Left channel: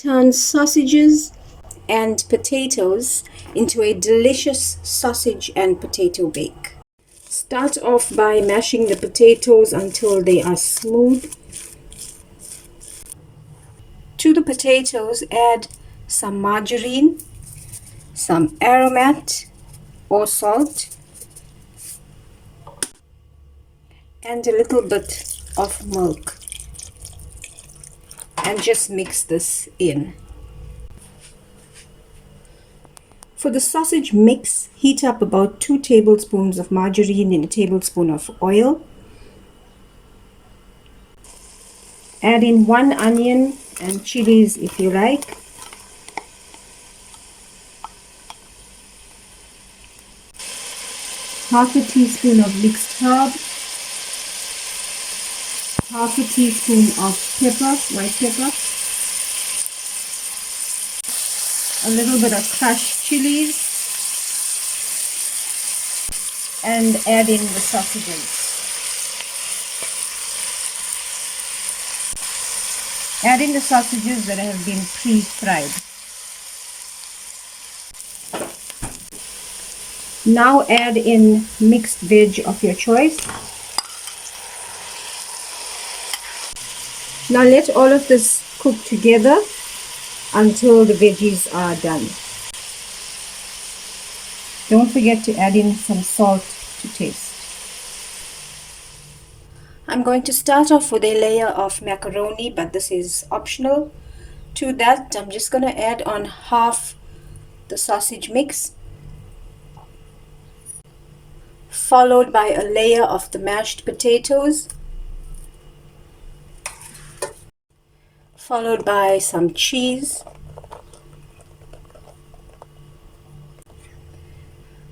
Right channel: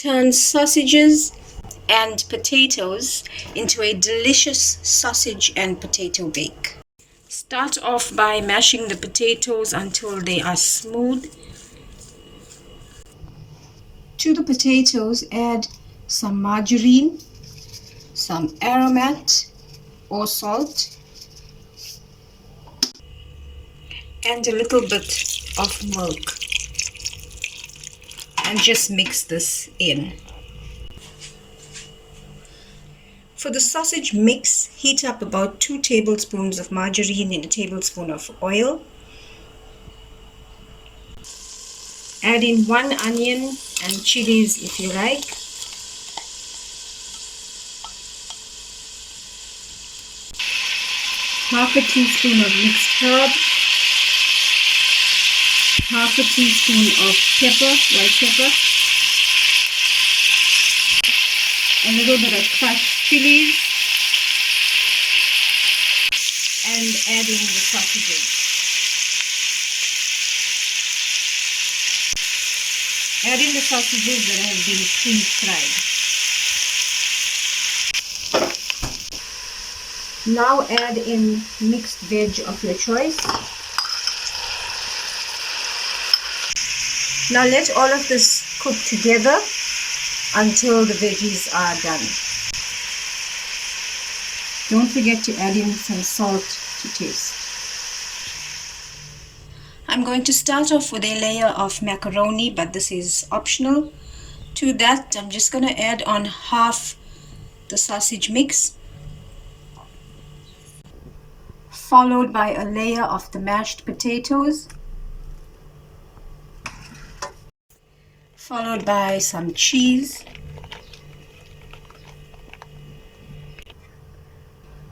Turn sausages and potatoes into a delicious sausage and potato bake. Start off by mashing the potatoes until they are smooth. To the potatoes, add some margarine, some Aromat or salt, and a little bit of milk, and just mix this in. For the sausage mix, heat up about 2 tablespoons of margarine in a tablespoon of oil. Add in 1 onion and chilies if you like. Half a teaspoon of mixed herb. Half a teaspoon of pepper, white pepper. A little bit of crushed chillies. And adding the sausages. Add in the sausages that have been pre-fried. Now add in mixed veg of your choice. Now let all of this cook together until the veggies are done. Don't forget to add in some salt to taste. I'm going to start off with a layer of macaroni, but this is optional. To that, I'm just going to add on half the sausage mix, followed by a layer of the mashed potatoes, followed by some cheese.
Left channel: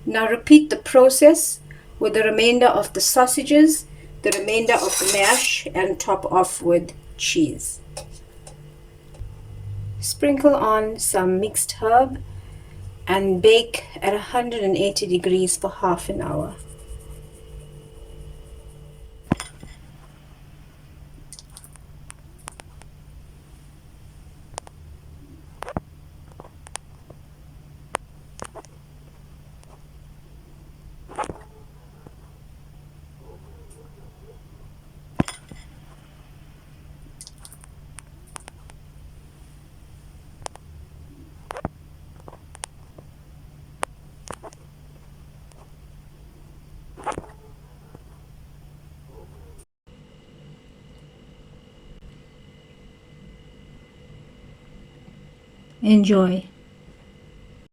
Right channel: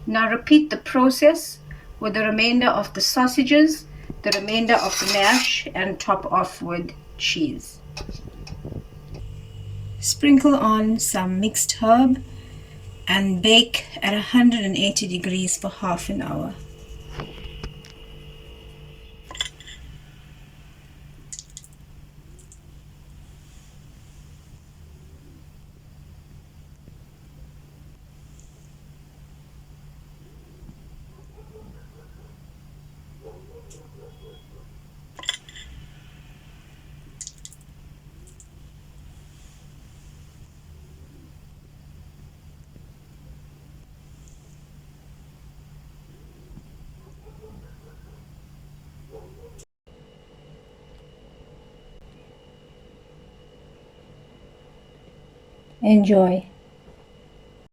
Now repeat the process with the remainder of the sausages, the remainder of the mash, and top off with cheese. Sprinkle on some mixed herb and bake at 180 degrees for half an hour. Enjoy.